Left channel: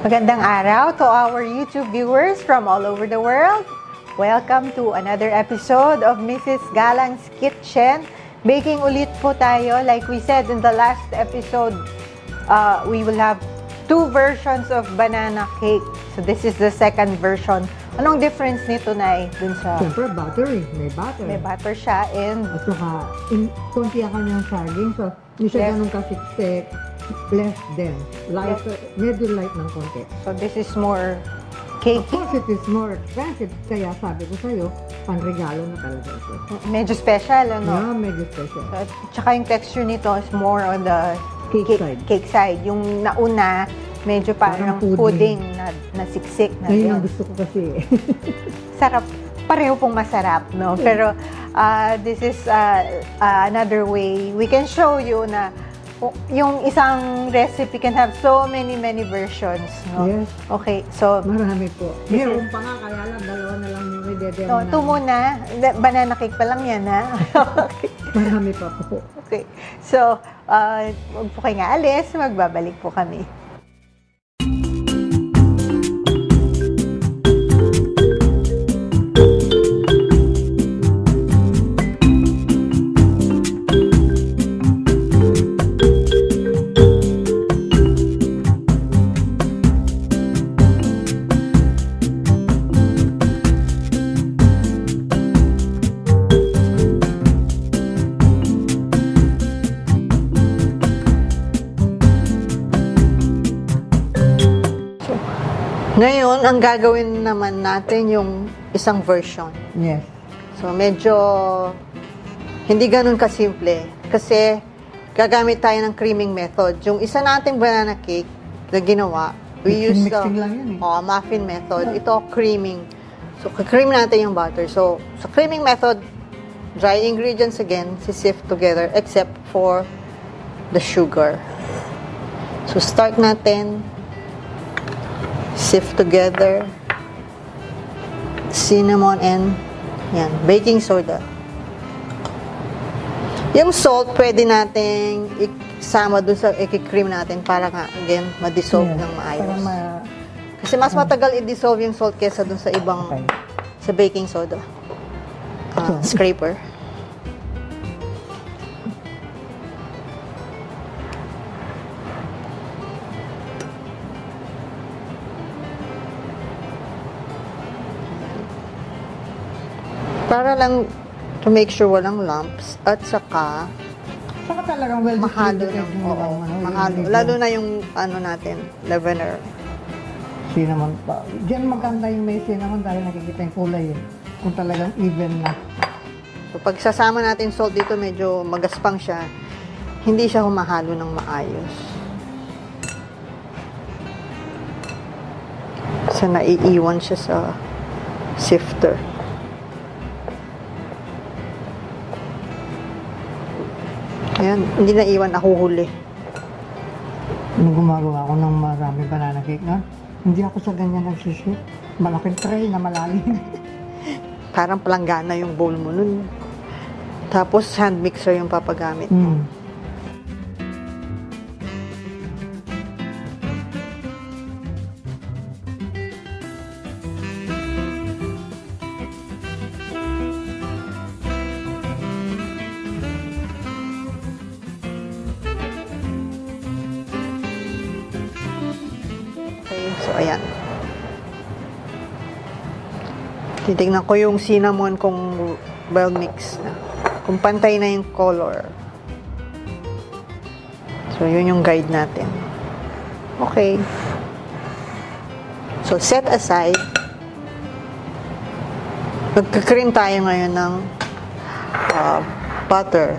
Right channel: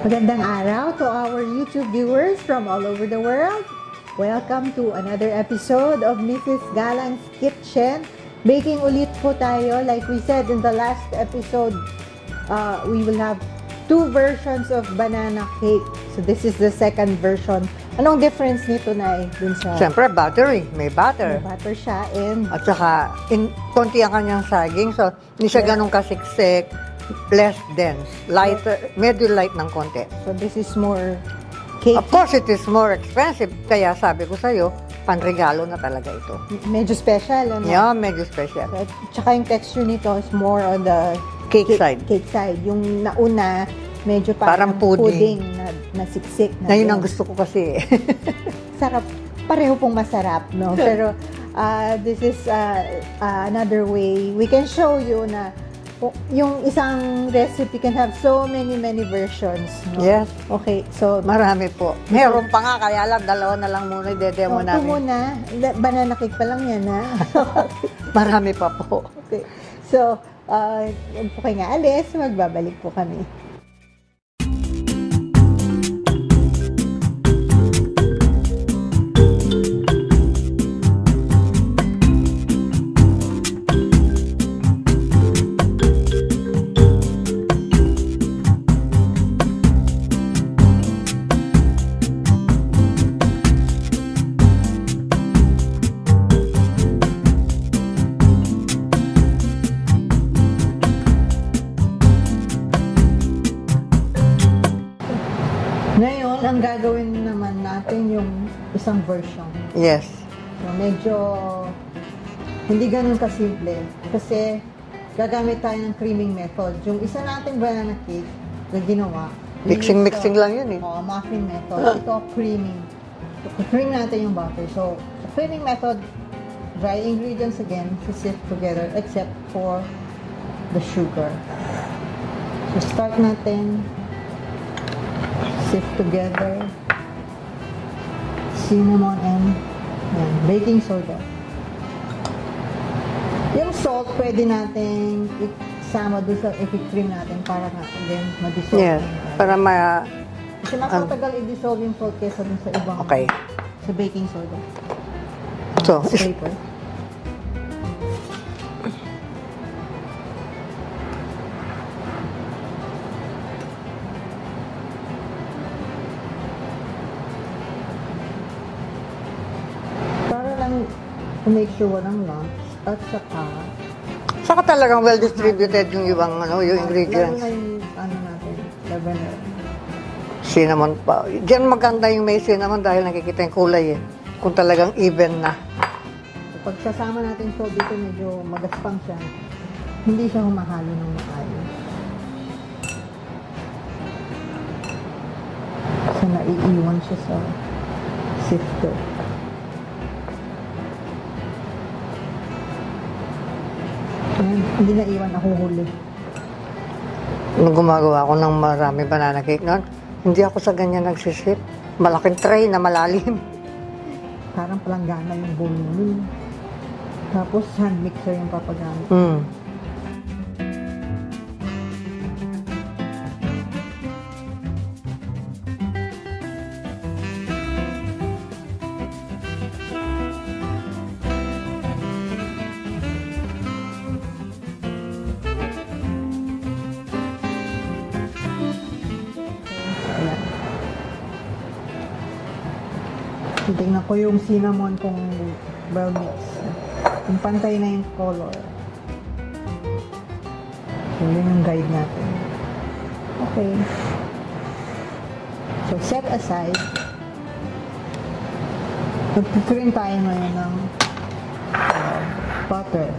Magandang araw to our YouTube viewers from all over the world. Welcome to another episode of Mrs. Galang's Kitchen. Baking ulit po tayo. Like we said in the last episode, we will have two versions of banana cake. So this is the second version. Anong difference nito, Nay? Dun sa... Siyempre, buttery. May butter. May butter siya and... At saka, konti ang kanyang saging. So, hindi siya ganun kasiksik. Less dense. Lighter. Medyo light ng konti. So this is more cake. Of course, it is more expensive. Kaya sabi ko sa'yo, panregalo na talaga ito. Medyo special, ano? Yeah, medyo special. So, tsaka yung texture nito is more on the Cake side. Cake side. Yung nauna, medyo parang pudding na siksik. Ngayon ang gusto ko kasi. Sarap. Pareho pong masarap, no? Pero this is another way. We can show you na yung isang recipe can have so many versions, no? Yes. Okay, so Marami po. Meron pa nga, kaya lang, dalawa na lang muna i-demo namin. ito muna. Banana cake pa lang yan, ha? Marami pa po. Okay. So, huwag po kayo nga alis. Magbabalik po kami. Ngayon, ang gagawin naman natin yung isang version. Yes. So, medyo hindi ganun kasimple. Kasi, gagamit tayo ng creaming method. Yung isa nating banana cake na ginawa, Mixing lang yun eh. Muffin method. Ito, creaming. So, cream natin yung butter. So, sa creaming method, dry ingredients again, sift together, except for the sugar. So, start natin. Sift together, cinnamon and yan, baking soda. Yung salt, pwede nating isama dun sa i-cream natin para nga, again, ma-dissolve ng maayos. Para kasi mas matagal i-dissolve yung salt kesa dun sa ibang, sa baking soda. So, scraper. Para lang to make sure walang lumps at saka talagang well distributed yung ibang yung ingredients. Lalo na yung natin, leavener. Cinnamon pa. Diyan maganda yung may cinnamon dahil nakikita yung kulay eh. Kung talagang even na. So, pag sasama natin salt dito, medyo magaspang siya. Hindi siya humahalo ng maayos. Kasi naiiwan siya sa sifter. Ayan, hindi na iwan, nahuhuli. Nung gumagawa ako ng marami banana cake noon, hindi ako sa ganyan nagsisip. Malaking tray na malalim. Parang palanggana yung bowl mo nun. Tapos hand mixer yung papagamit. So, ayan. Titignan ko yung cinnamon kung well mixed na. Kung pantay na yung color. So, yun yung guide natin. Okay. So, set aside. Magka-cream tayo ngayon ng butter.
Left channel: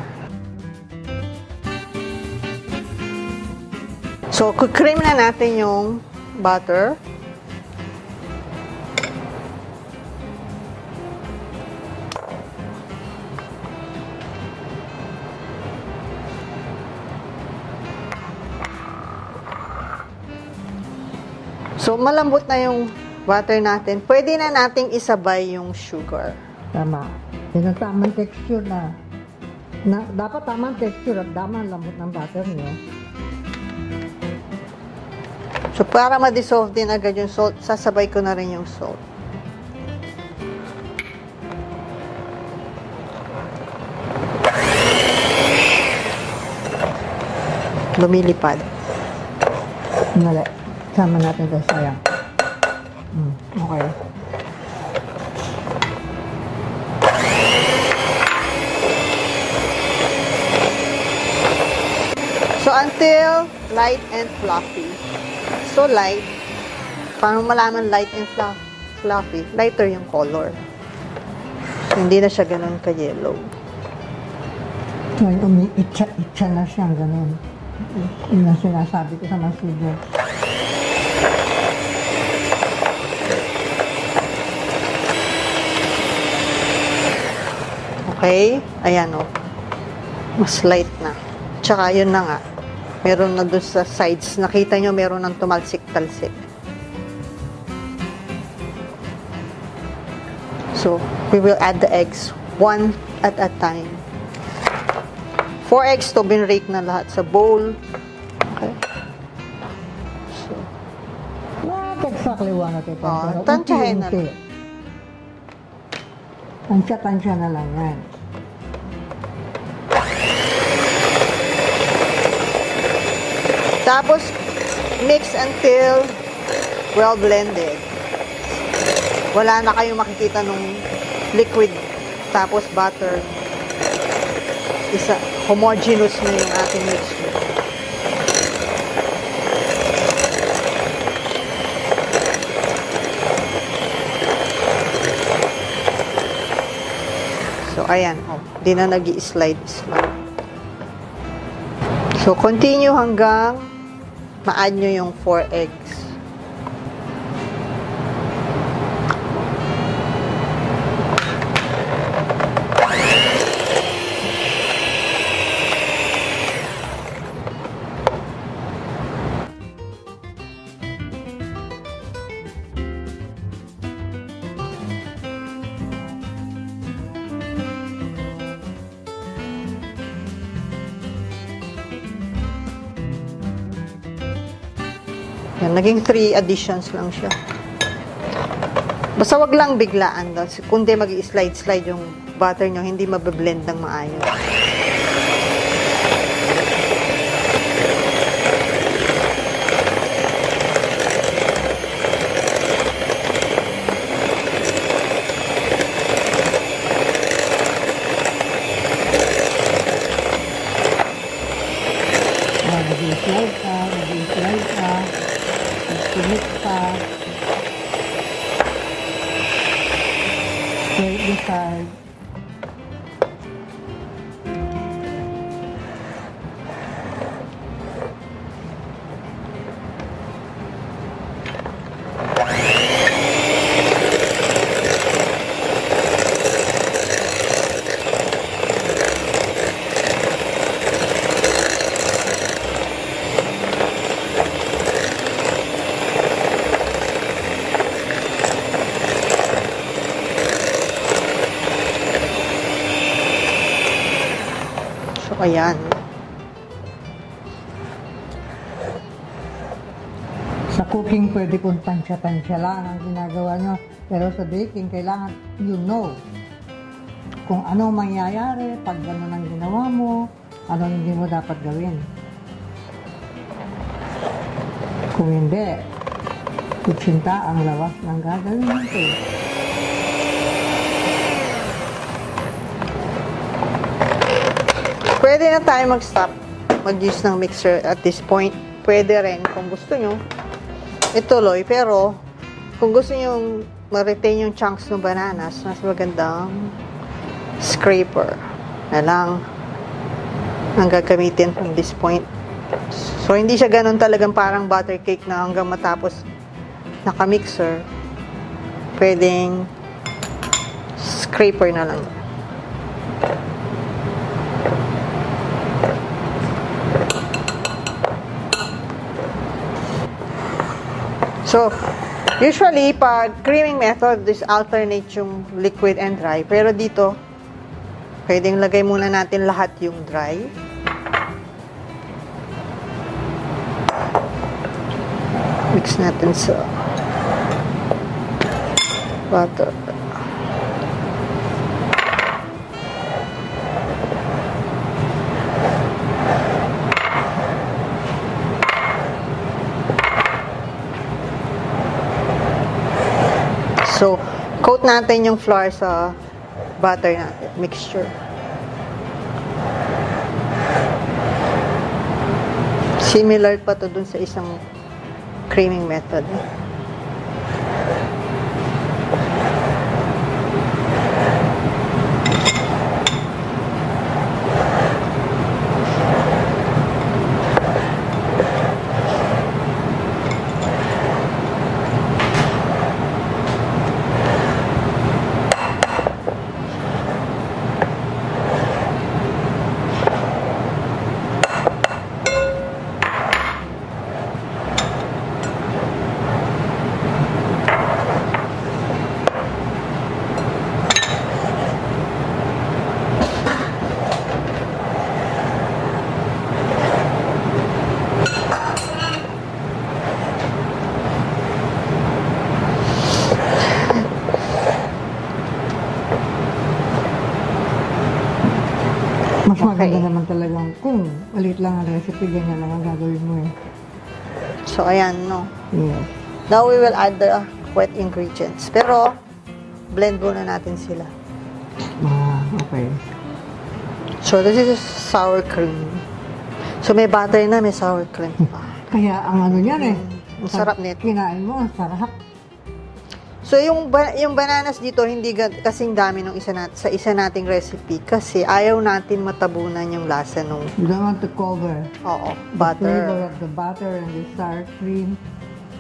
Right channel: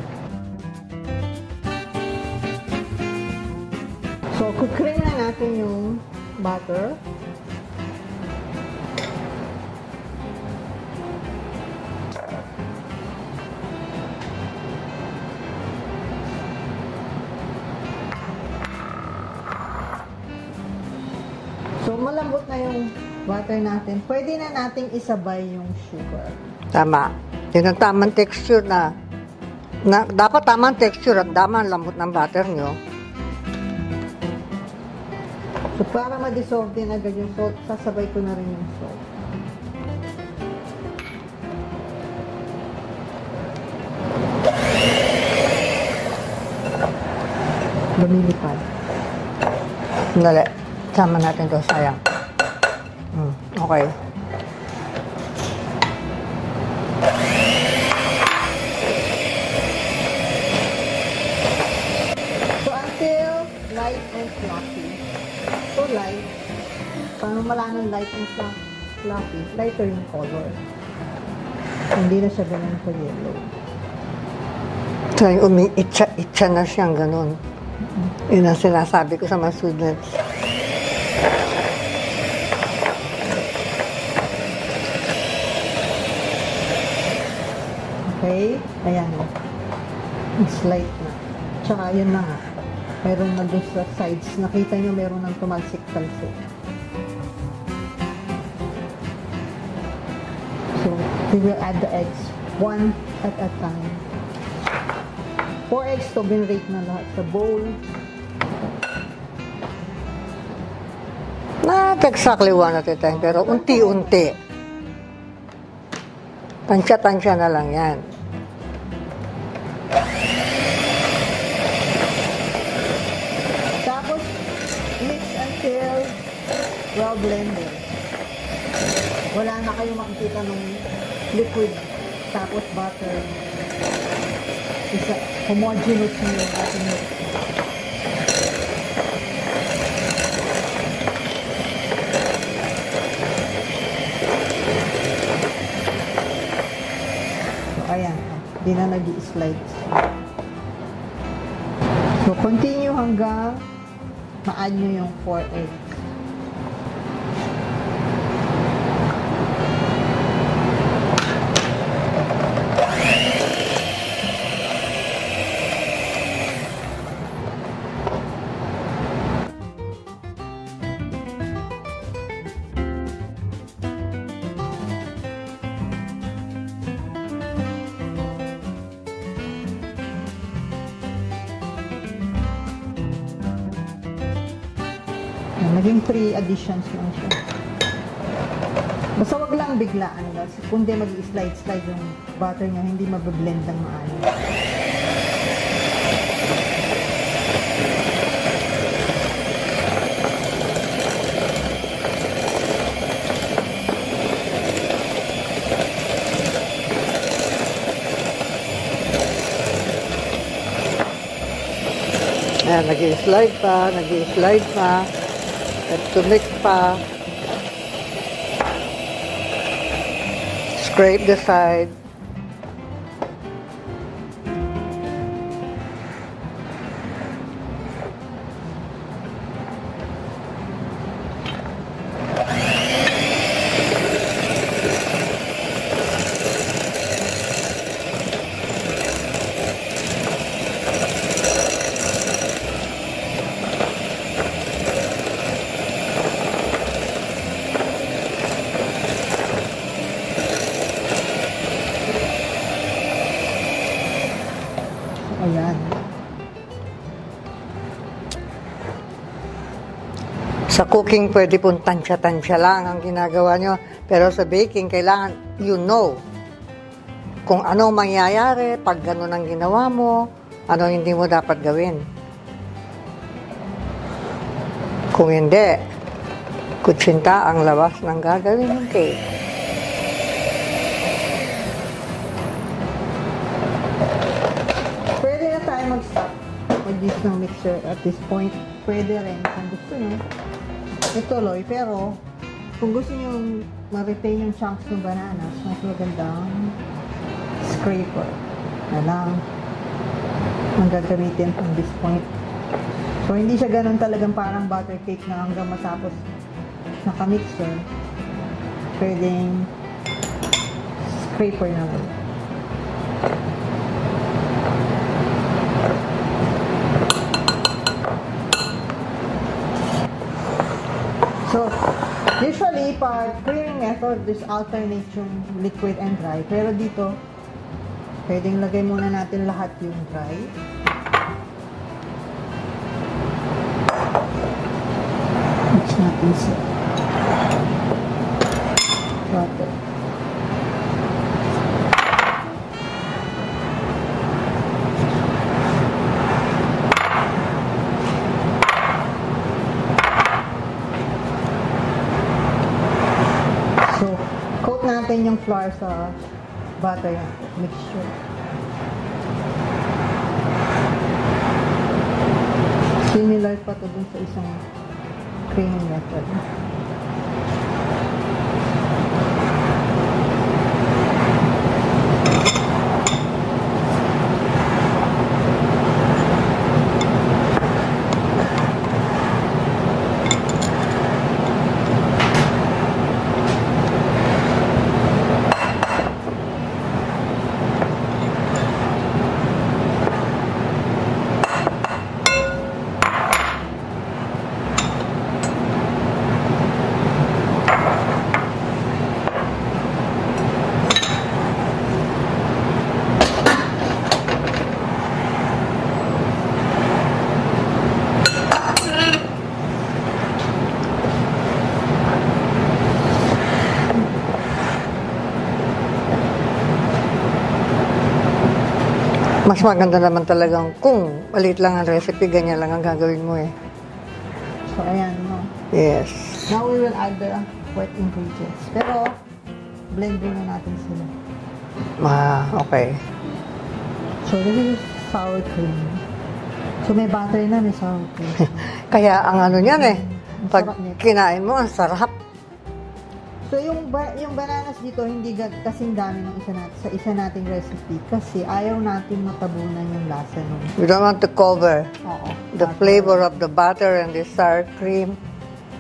So, cream na natin yung butter. So, malambot na yung butter natin. Pwede na nating isabay yung sugar. Tama. Yun ang tamang texture na dapat tamang texture at tamang lambot ng butter nyo. So, So, para ma-dissolve din agad yung salt, sasabay ko na rin yung salt. Lumilipad. Dali. Sama natin ito. Sayang. Okay. So, until light and fluffy. So, light. Paano malaman light and fluffy? Lighter yung color. Hindi na siya ganun ka-yellow. So, itcha na siyang ganun. Yun ang sinasabi ko sa mga students. Okay? Ayan o. Mas light na. Tsaka yun na nga. Meron na doon sa sides. Nakita nyo meron ng tumalsik-talsik. So, we will add the eggs one at a time. 4 eggs to binrake na lahat sa bowl. Okay. So, Not exactly one at a time, pero tantahin unti-unti. Tansya-tansya na lang yan. Tapos, mix until well blended. Wala na kayong makikita nung liquid tapos butter. Isa, homogeneous na yung ating mixture. So, ayan. Di na nag-i-slides. So, continue hanggang ma-add nyo yung 4 eggs. Yan, naging 3 additions lang siya. Basta wag lang biglaan daw. Kundi mag-i-slide-slide yung butter nyo, hindi mabablend ng maayos. Ayan, nag-i-slide pa, nag-i-slide pa. Nag-mix pa. Scrape the side. Ayan. Sa cooking, pwede pong tansya-tansya lang ang ginagawa nyo. Pero sa baking, kailangan you know kung ano mangyayari pag gano'n ang ginawa mo, ano hindi mo dapat gawin. Kung hindi, kutsinta ang labas ng gagawin ng cake. Pwede na tayo mag-stop mag-use ng mixer at this point. Pwede rin kung gusto nyo ituloy, pero kung gusto nyo ma-retain yung chunks ng bananas, mas magandang scraper na lang ang gagamitin from this point. So, hindi siya ganun talagang parang butter cake na hanggang matapos naka-mixer. Pwedeng scraper na lang. So, usually, pag creaming method, this alternate yung liquid and dry. Pero dito, pwedeng lagay muna natin lahat yung dry. Mix natin sa butter. So, coat natin yung flour sa butter natin, mixture. Similar pa to dun sa isang creaming method. Mas maganda naman talagang kung maliit lang ang recipe, ganyan lang ang gagawin mo eh. So, ayan, no? Yes. Now, we will add the wet ingredients. Pero, blend muna natin sila. Okay. So, this is sour cream. So, may butter na, may sour cream. Kaya ang ano niyan eh, Ang pag sarap nito. kinain mo, ang sarap. So, yung bananas dito, hindi kasing dami nung sa isa nating recipe kasi ayaw natin matabunan yung lasa nung You don't want to cover oo, the butter. flavor of the butter and the sour cream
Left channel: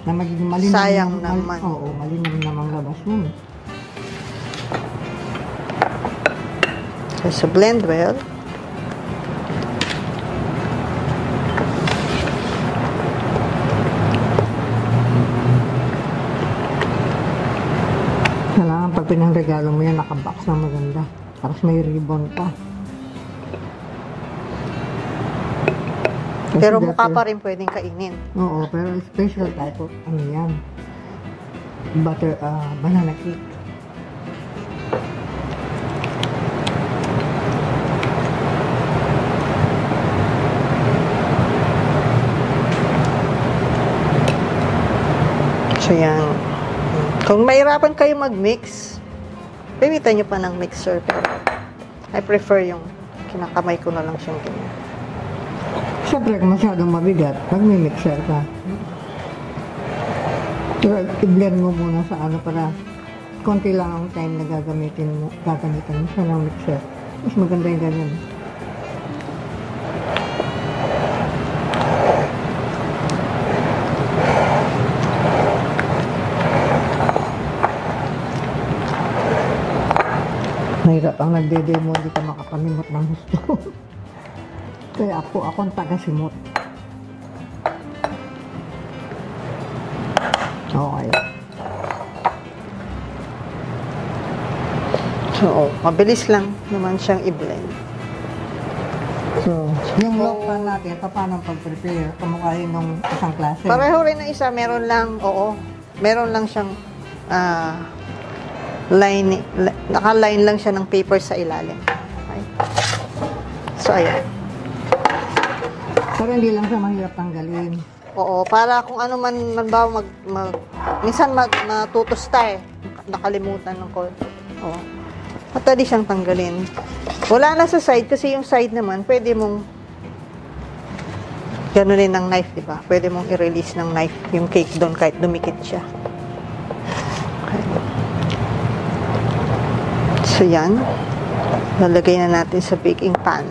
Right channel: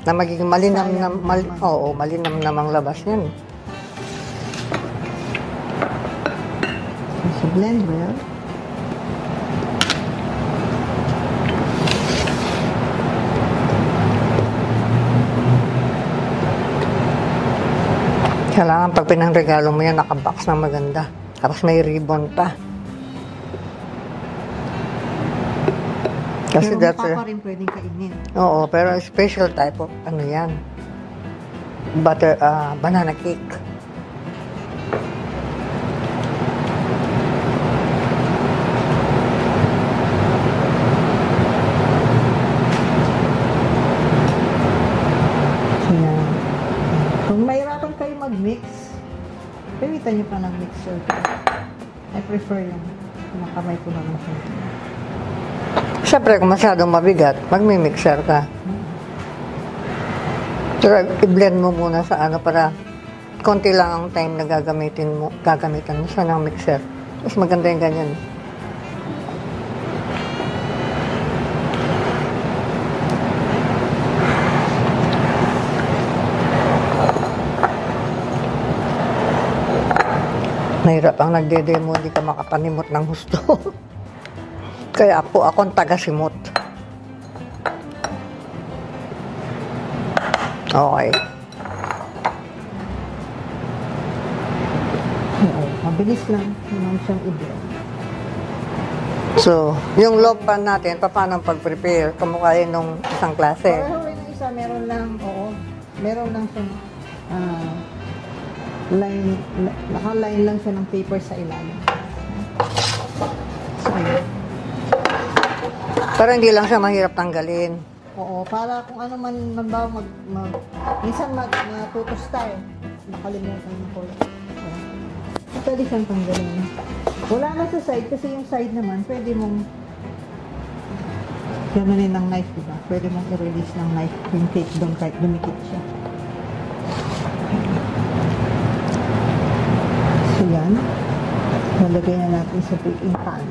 na magiging malinam Sayang na, naman. oo, malinam namang labas niyan. Okay, so, blend well. Kailangan pag pinangregalo mo yan, nakabox na maganda. Tapos may ribbon pa. Kasi Pero dati- mukha pa rin pwedeng kainin. Oo, pero special type of ano yan. Banana cake. So, yan. Kung mahirapan kayo mag-mix, pilitan nyo pa ng mixer. Pero I prefer yung kinakamay ko na lang siyang ganyan. Siyempre, kung masyadong mabigat, magmi-mixer ka. Pero i-blend mo muna sa ano para konti lang ang time na gagamitan mo siya ng mixer. Mas maganda yung ganyan. Mahirap ang nagde-demo, di ka makapanimot ng gusto. Kaya po akong taga-simot. Okay. So, mabilis lang naman siyang i-blend. So, yung loaf pan natin, paano pag-prepare? Kamukha yun nung isang klase. Pareho rin ng isa, meron lang siyang naka-line lang siya ng paper sa ilalim. So, ayan. Para hindi lang siya mahirap tanggalin. Oo, para kung ano man, minsan matutusta eh. Nakalimutan ng ko. Oo. Matali siyang tanggalin. Wala na sa side kasi yung side naman, pwede mong ganunin ng knife, di ba? Pwede mong i-release ng knife yung cake doon kahit dumikit siya. So, yan. Lalagay na natin sa baking pan.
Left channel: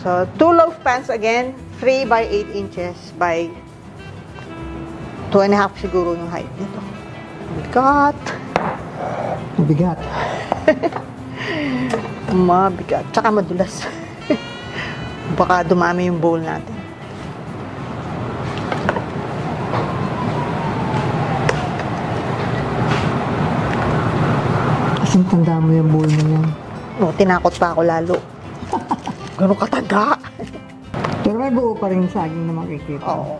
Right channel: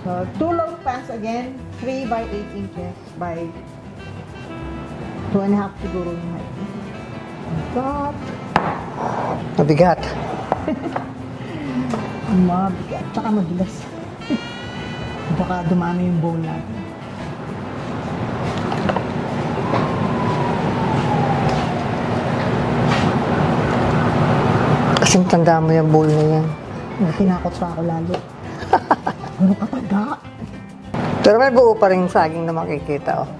So, 2 loaf pans again, 3 by 8 inches by 2.5 siguro yung height nito. Mabigat. Mabigat. Mabigat. Tsaka madulas. Baka dumami yung bowl natin. Kasing tanda mo yung bowl na yan. Oh, tinakot pa ako lalo. Gano'ng kataga. Ito Pero may buo pa rin saging na makikita. Oo.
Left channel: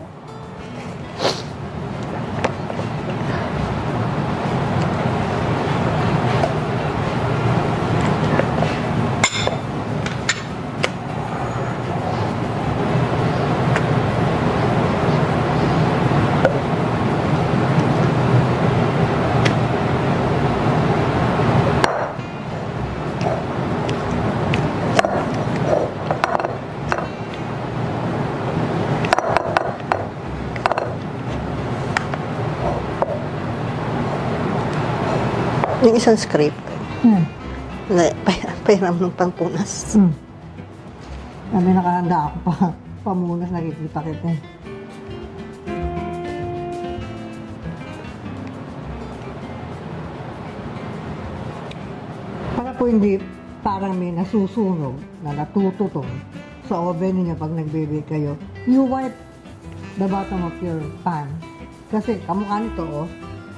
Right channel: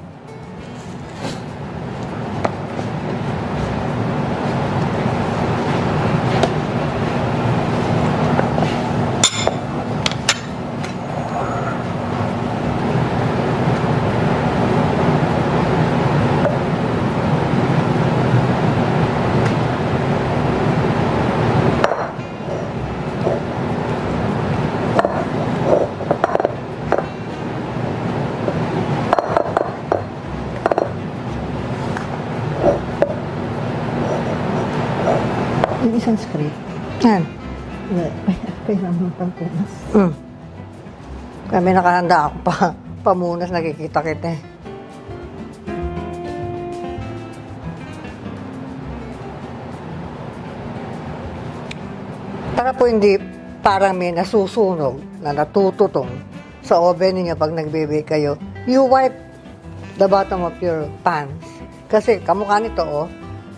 Yung isang script. Yan. Pairam ng pangpunas. Kami nakahanda ako pa. Pamunas, nakikita kita eh. Para po hindi parang may nasusunog na natututong sa oven niyo pag nagbe-bake kayo, you wipe the bottom of your pans. Kasi kamukha nito, oh,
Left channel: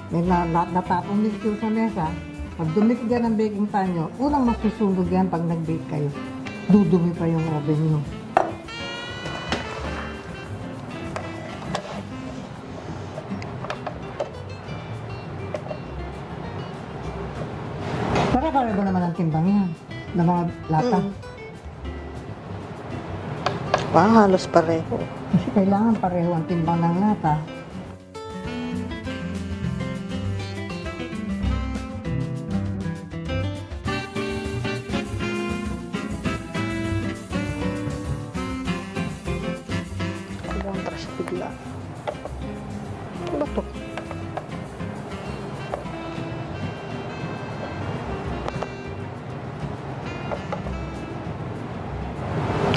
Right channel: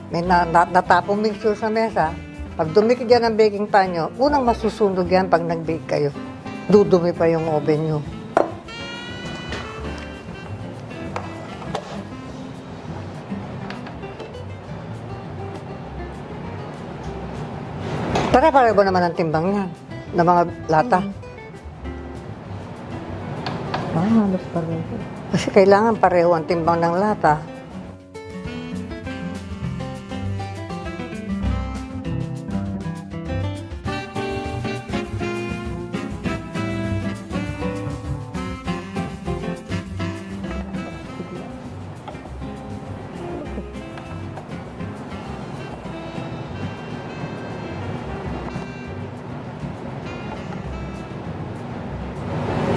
may natapong mixture sa mesa. Pag dumikit yan ang baking pan nyo, unang masusunog yan pag nag-bake kayo. Dudumi pa yung oven nyo. Pare-pare ba naman ang timbang niya? Ng mga lata? Halos pareho. Kasi kailangan pareho ang timbang ng lata. Ano to?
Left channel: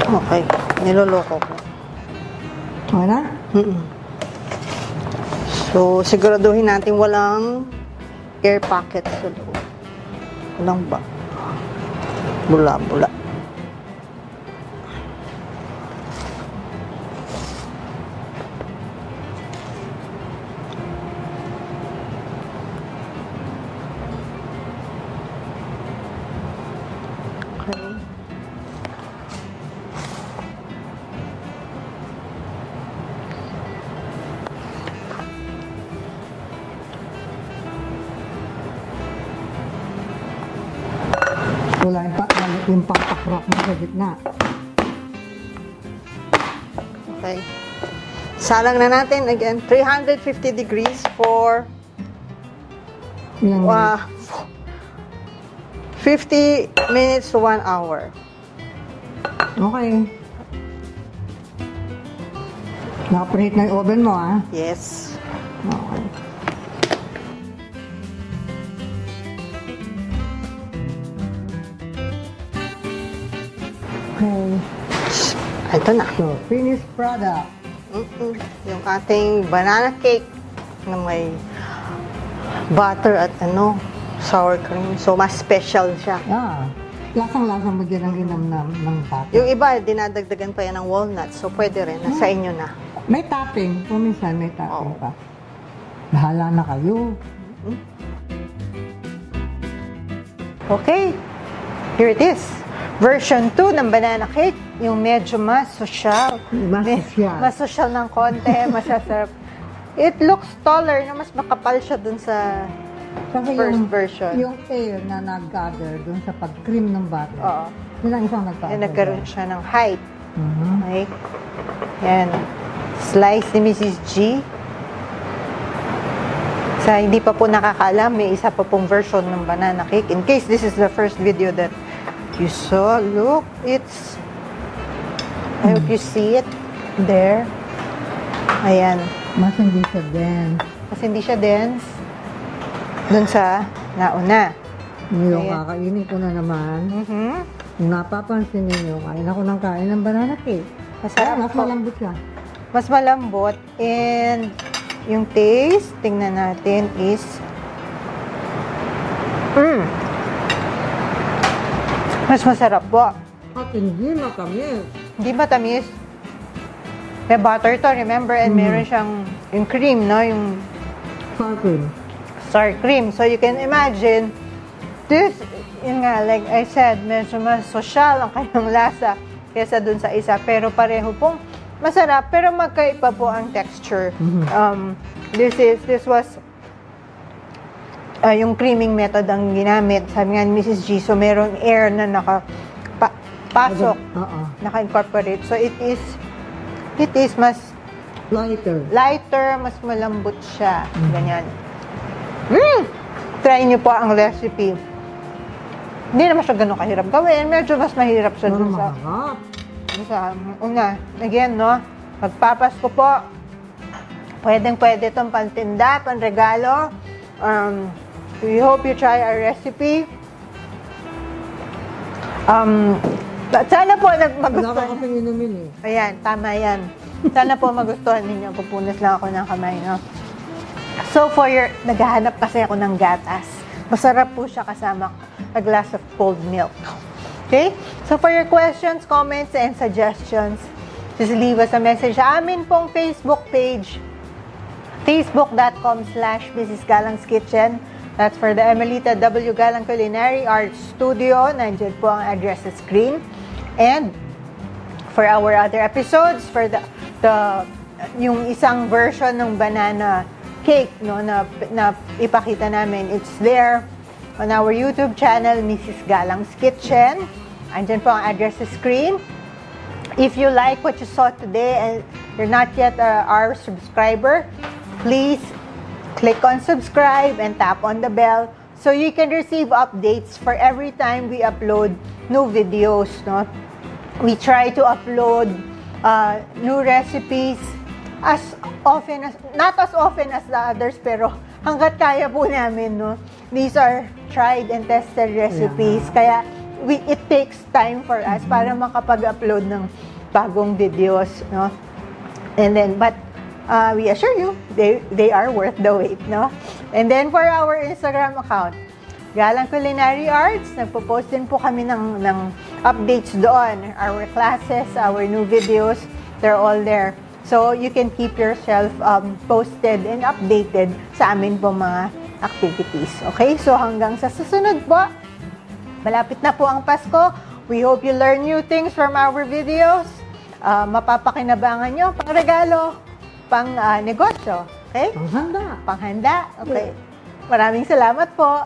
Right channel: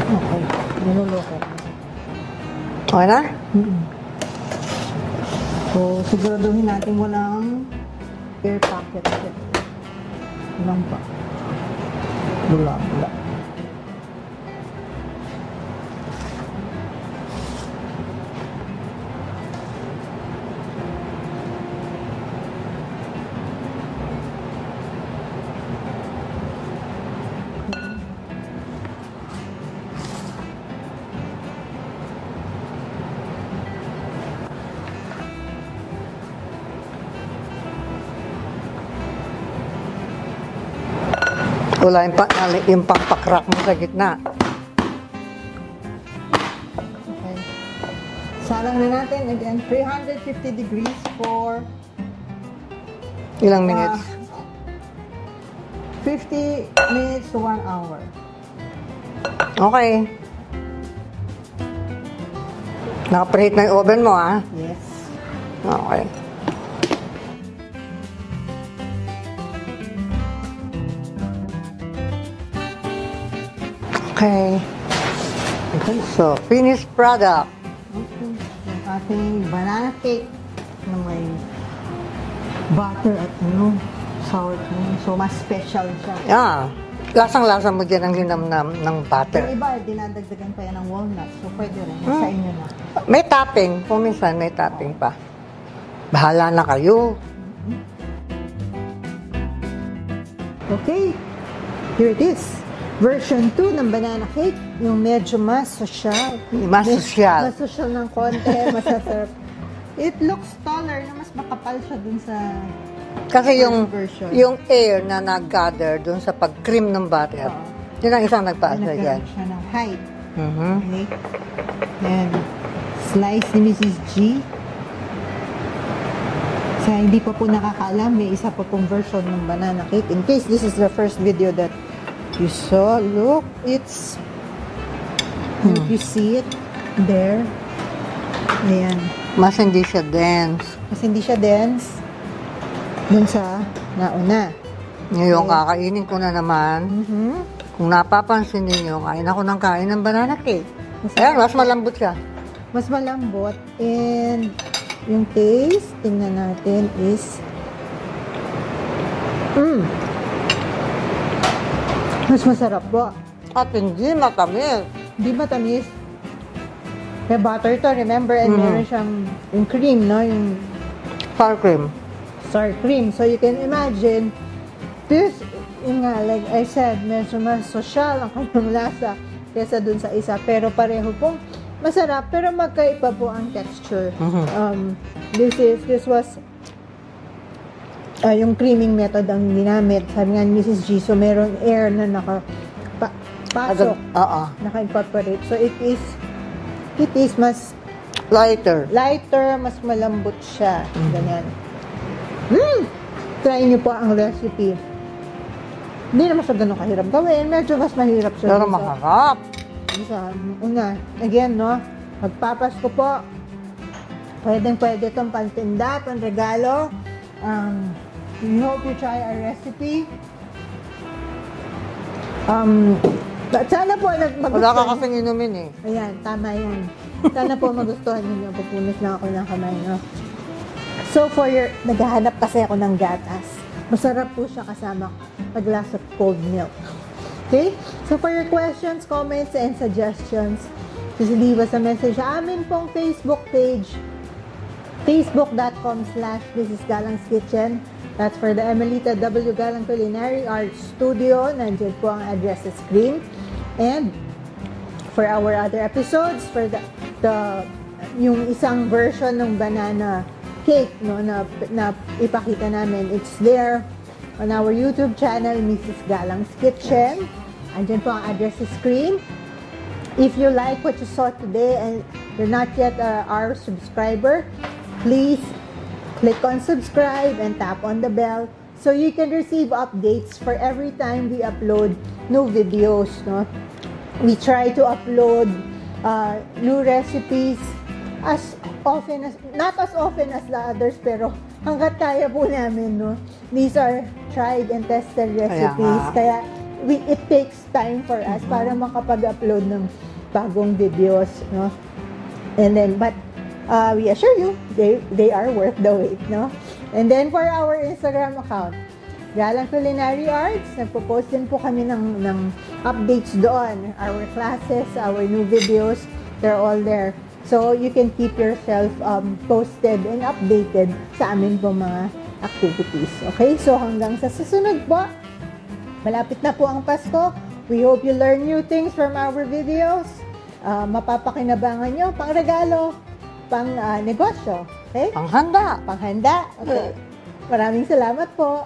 Okay. Niloloko ko. Okay na? So, siguraduhin natin walang air pocket sa loob. Walang ba? Bula-bula. Wala yung pakpak-crack mo sa gitna. Okay. Salang na natin again. 350 degrees for Ilang minutes? 50 minutes to 1 hour. Okay. Nakapreheat na yung oven mo, ah. Yes. Okay. Okay. Ito na. So, finished product. Yung ating banana cake na may butter at sour cream. So, mas special siya. Yeah. Lasang-lasa mo dyan ang linamnam ng butter. Yung iba, dinadagdagan pa yan ng walnuts. So, pwede rin. Nasa inyo na. May topping. Kung minsan may topping pa. Bahala na kayo. Okay. Here it is. Version 2 ng banana cake. Yung medyo mas social. Mas social. Mas social ng konti. Masasarap. It looks taller na mas makapal siya dun sa Kasi first yung version. yung air na nag-gather dun sa pag-cream ng butter, Oo. yun ang isang nagpaasa Nagkaroon dyan. siya ng height. Mhm. Okay. Yan. Slice ni Mrs. G. Sa hindi pa po nakakaalam, may isa pa pong version ng banana cake. In case this is the first video that you saw, look, it's, I hope you see it there. Ayan. Mas hindi siya dense. Mas hindi siya dense dun sa nauna. Ngayon, Okay. kakainin ko na naman. Kung napapansin niyo, kain ako ng kain ng banana cake. Ayan, mas malambot siya. Mas malambot, and yung taste, tingnan natin, is mas masarap po. At hindi matamis. Hindi matamis. May butter to, remember, and meron siyang yung cream, no? Yung Sour cream. sour cream. So you can imagine, this, yun nga, like I said, medyo mas social ang kanyang lasa. kesa dun sa isa. Pero pareho pong masarap, pero magkaiba po ang texture. This was yung creaming method ang ginamit. Sabi nga ni Mrs. G, so meron air na pasok, naka-incorporate. So it is mas Lighter. mas malambot siya. Ganyan. Try niyo po ang recipe. Hindi naman siya ganun kahirap gawin. Medyo mas mahirap siya. Pero maharap. Una, again, no? Magpapasko po. Pwedeng-pwede itong pantinda, panregalo. We hope you try our recipe. Sana po Wala ka kasing inumin eh. Ayan, tama yan. Sana po magustuhan ninyo. Pupunas lang ako ng kamay, no? So, naghahanap kasi ako ng gatas. Masarap po siya kasama a glass of cold milk. Okay? So, for your questions, comments, and suggestions, just leave us a message sa amin pong Facebook page, facebook.com/Mrs. Galang's Kitchen. That's for the Emelita W. Galang Culinary Arts Studio. Nandiyan po ang address sa screen. And for our other episodes, for yung isang version ng banana cake, no, na ipakita namin, it's there on our YouTube channel, Mrs. Galang's Kitchen. Andyan po ang address sa screen. If you like what you saw today and you're not yet our subscriber, please click on subscribe and tap on the bell so you can receive updates for every time we upload new videos, no? We try to upload new recipes not as often as the others, pero hanggat kaya po namin, no? These are tried and tested recipes, kaya it takes time for us para makapag-upload ng bagong videos, no? And then, but we assure you, they are worth the wait, no? And then for our Instagram account, Galang Culinary Arts, nagpo-post din po kami ng updates doon. Our classes, our new videos, they're all there. So you can keep yourself posted and updated sa amin po mga activities. Okay? So hanggang sa susunod po, malapit na po ang Pasko. We hope you learn new things from our videos. Mapapakinabangan nyo, pang regalo, pang negosyo. Okay? Panghanda. Panghanda. Okay. Maraming salamat po.